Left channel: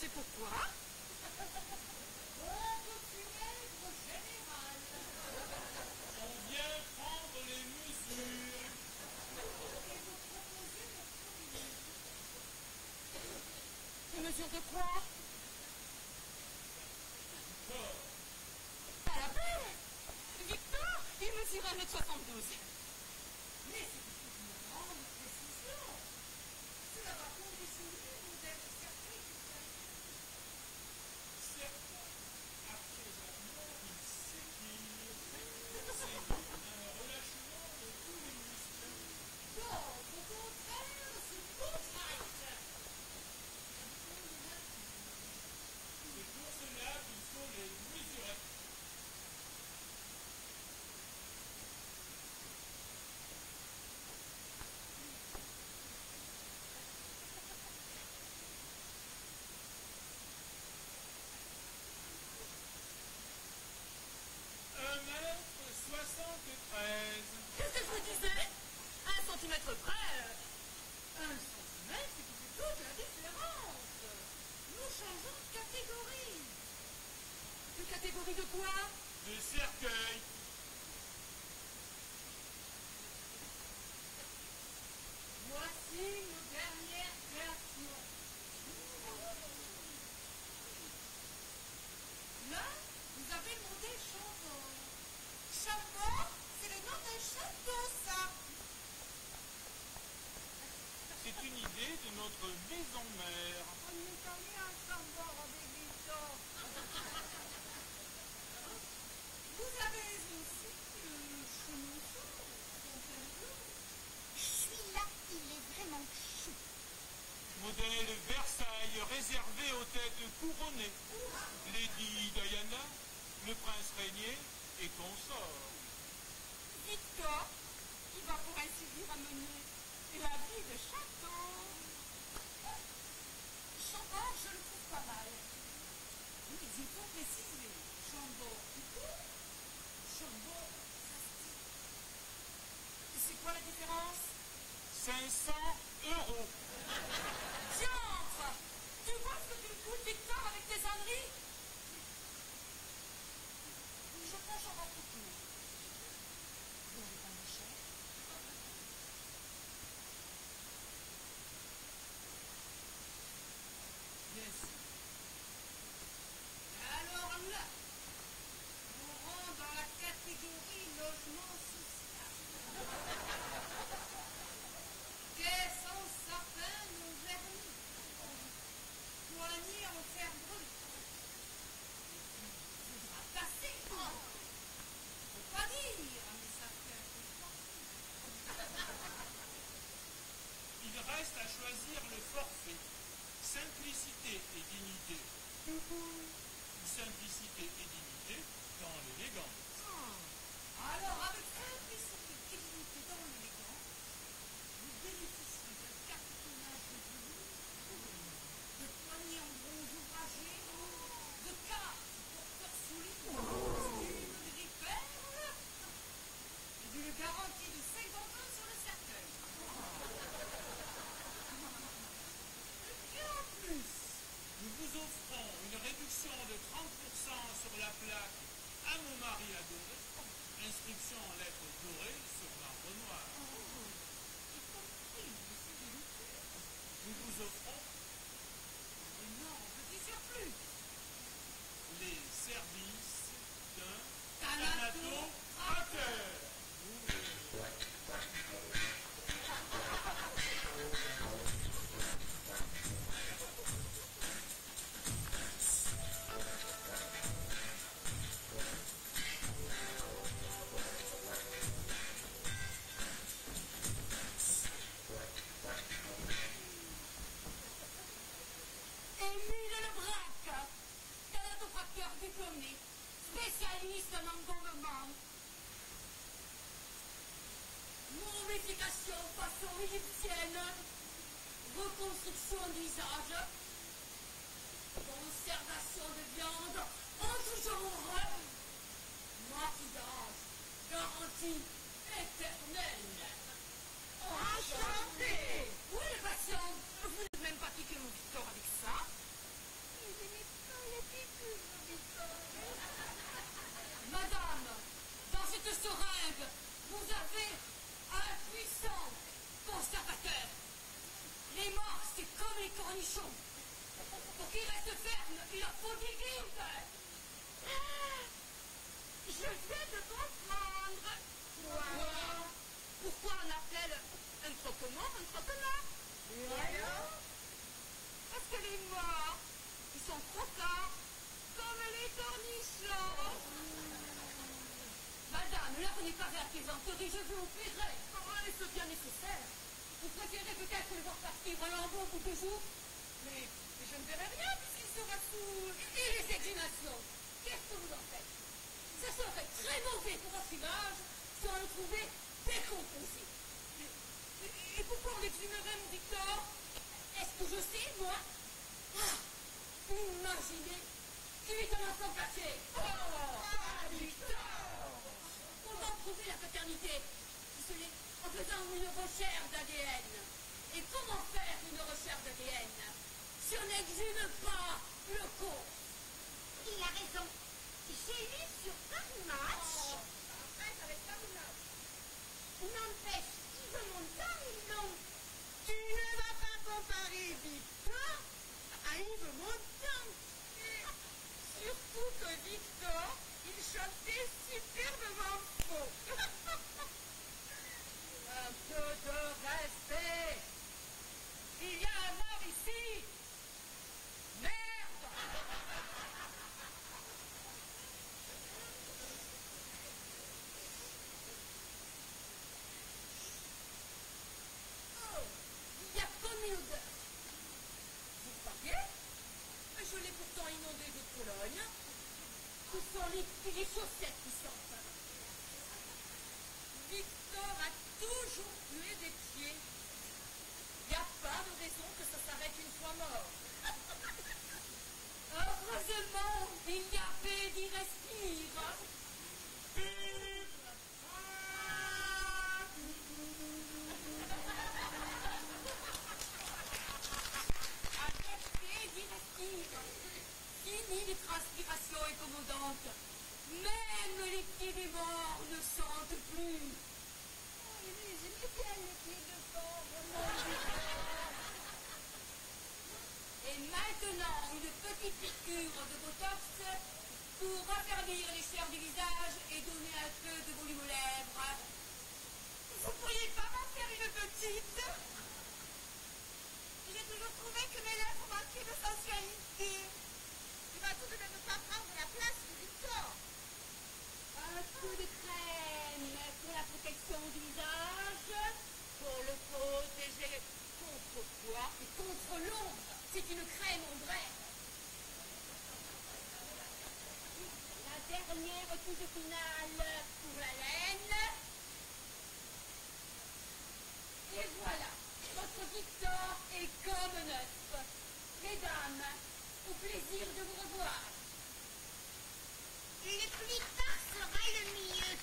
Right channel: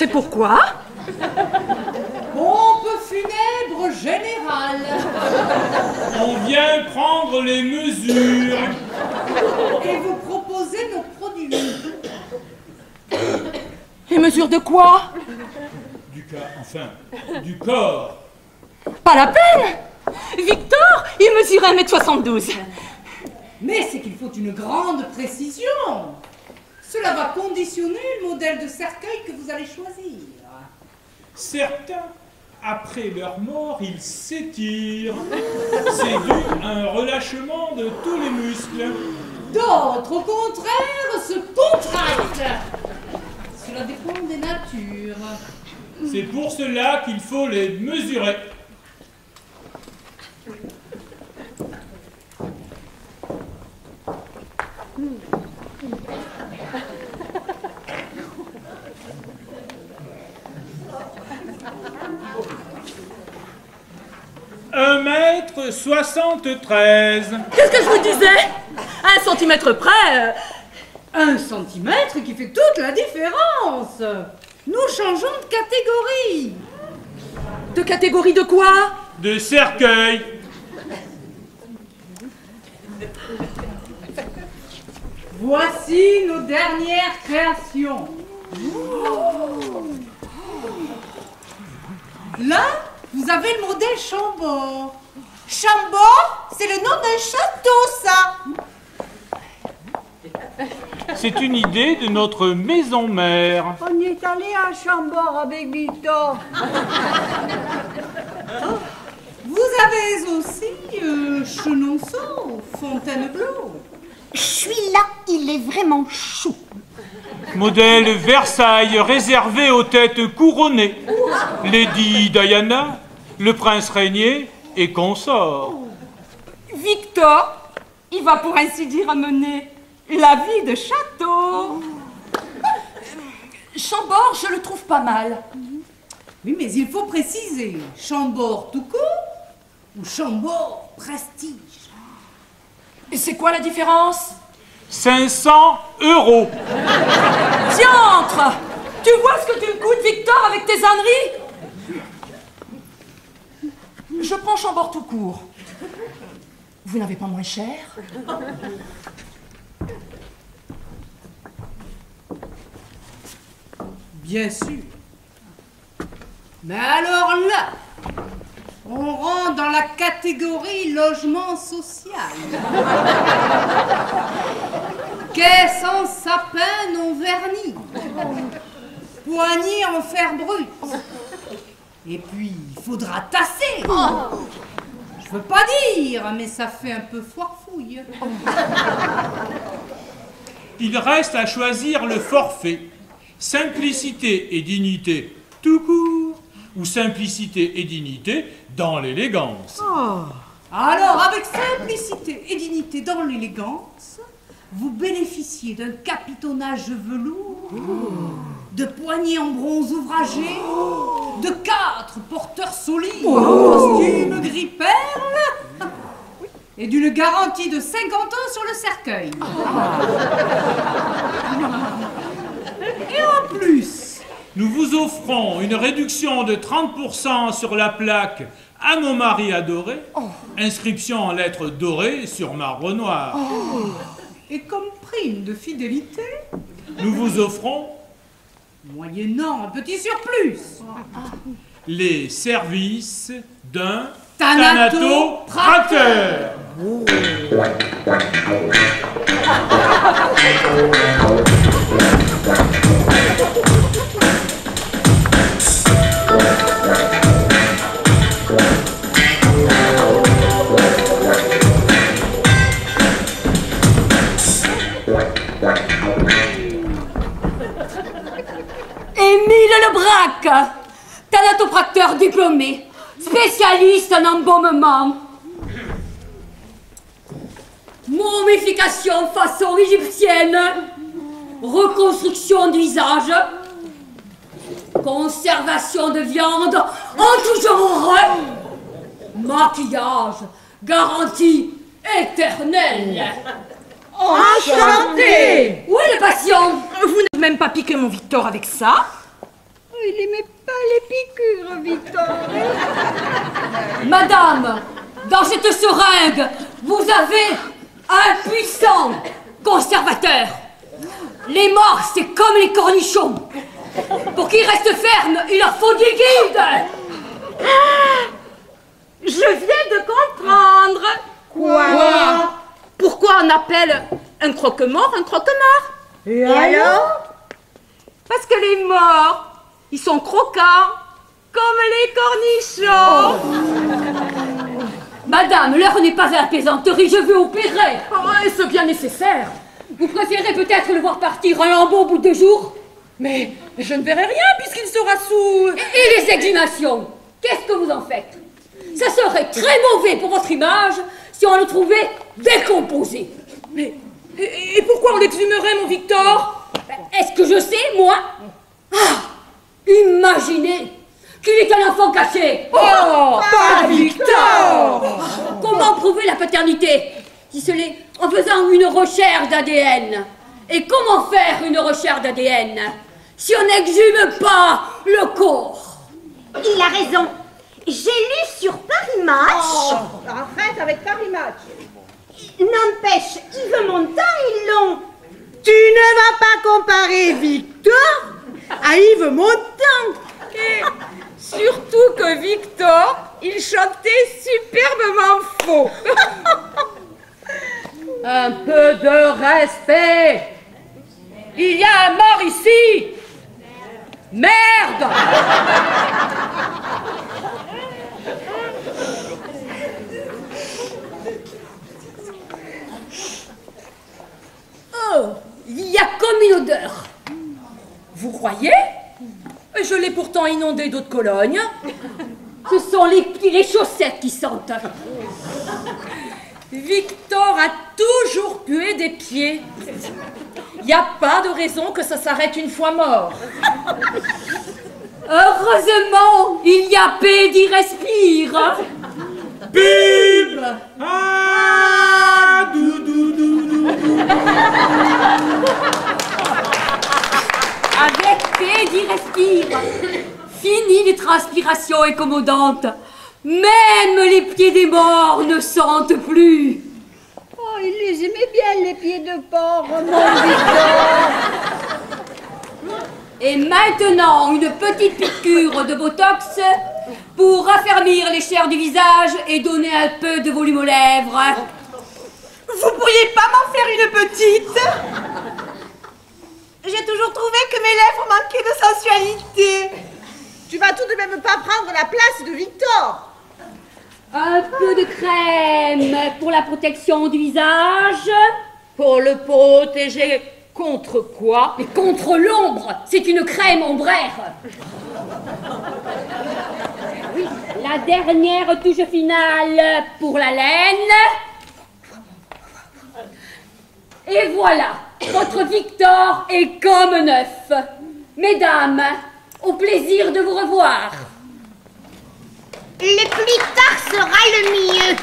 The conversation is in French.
C'est pourquoi? Pompe funèbre générale. On vient prendre les mesures. Et vous proposez nos produits. Les mesures de quoi? Du corps. Pas la peine! Victor, il mesure 1m72. Mais c'est qu'il faut une grande précision. Cela va conditionner le modèle de cercueil que vous allez choisir. Certains, après leur mort, ils s'étirent. C'est dû à un relâchement de tous les muscles. D'autres, au contraire, se contractent. Cela dépend des natures. C'est pour cela qu'il faut les mesurer. Un mètre 73. Qu'est-ce que je vous disais? 1 centimètre près. 1 centimètre qui fait toute la différence. Nous changeons de catégorie. De catégorie de quoi? De cercueil. Voici nos dernières créations. Là, vous avez le modèle Chambord. Chambord, c'est le nom d'un château, ça. C'est une idée de notre maison mère. On y est allé à Chambord avec Victor. Vous avez aussi Chenonceau, Fontainebleau. Celui-là, il est vraiment chou. Modèle Versailles réservé aux têtes couronnées. Lady Diana, le prince régnier et consort. Victor, il va pour ainsi dire mener la vie de château. Chambord, je le trouve pas mal. Oui, mais il faut préciser. Chambord tout court ou Chambord prestige. Et c'est quoi la différence? 500 €. Diantre! Tu vois ce que tu me coûtes, Victor, avec tes âneries? Je prends Chambord tout court. Vous n'avez pas moins cher? Bien sûr. Mais alors là, on rentre dans la catégorie logement social. Caisse en sapin non verni. Poignée en fer brut. Et puis, il faudra tasser. Je veux pas dire, mais ça fait un peu foirefouille. Il reste à choisir le forfait. Simplicité et dignité tout court ou simplicité et dignité dans l'élégance. Alors, avec simplicité et dignité dans l'élégance, vous bénéficiez d'un capitonnage velours, de poignées en bronze ouvragé, de 4 porteurs solides, costumes gris perle et d'une garantie de 50 ans sur le cercueil. Et en plus, Nous vous offrons une réduction de 30% sur la plaque « À mon mari adoré », inscription en lettres dorées sur marbre noir. et comme prime de fidélité, Nous vous offrons moyennant un petit surplus, les services d'un Thanatopracteur. Émile Lebrac, thanatopracteur diplômé, spécialiste en embaumement. Momification façon égyptienne, reconstruction du visage, conservation de viande en tout genre, maquillage, garantie éternelle. Enchanté. Où est le patient? Vous n'avez même pas piqué mon Victor avec ça? il aimait pas les piqûres, Victor. Madame, dans cette seringue, vous avez un puissant conservateur. Les morts, c'est comme les cornichons. Pour qu'ils restent fermes, il leur faut du guide. Je viens de comprendre. Quoi? Pourquoi on appelle un croque-mort un croque-mort? Et alors? Parce que les morts, ils sont croquants, comme les cornichons. Madame, l'heure n'est pas à la plaisanterie, je veux opérer. Oh, est-ce bien nécessaire? Vous préférez peut-être le voir partir un lambeau au bout de 2 jours? Mais je ne verrai rien puisqu'il sera sous... Et les exhumations, qu'est-ce que vous en faites? Ça serait très mauvais pour votre image si on le trouvait décomposé. Mais... Et pourquoi on l'exhumerait, mon Victor? Est-ce que je sais, moi? Ah, imaginez qu'il est un enfant caché. Oh, pas Victor! Comment prouver la paternité si ce n'est en faisant une recherche d'ADN? Et comment faire une recherche d'ADN si on n'exhume pas le corps? Il a raison. J'ai lu sur Paris Match. Arrête avec Paris Match. N'empêche, Yves Montand et Long. Tu ne vas pas comparer Victor à Yves Montand. Et surtout que Victor, il chantait superbement faux. Un peu de respect. Il y a un mort ici. Merde. Oh, il y a comme une odeur. Vous croyez? Je l'ai pourtant inondé d'eau de Cologne. Ce sont les pieds, les chaussettes qui sentent. Victor a toujours pué des pieds. Il n'y a pas de raison que ça s'arrête une fois mort. Heureusement, il y a paix d'y respire. Bim! Ah, dou, dou, dou, dou. Avec paix d'y respire. Fini les transpirations incommodantes. Même les pieds des morts ne sentent plus. Oh, il les aimait bien, les pieds de porc, mon Victor. Et maintenant, une petite piqûre de Botox pour raffermir les chairs du visage et donner un peu de volume aux lèvres. Vous pourriez pas m'en faire une petite? J'ai toujours trouvé que mes lèvres manquaient de sensualité. Tu vas tout de même pas prendre la place de Victor. Un peu de crème pour la protection du visage. Pour le protéger contre quoi? Mais contre l'ombre, c'est une crème ombraire. Oui, la dernière touche finale pour la laine. Et voilà, votre Victor est comme neuf. Mesdames, au plaisir de vous revoir. Le plus tard sera le mieux.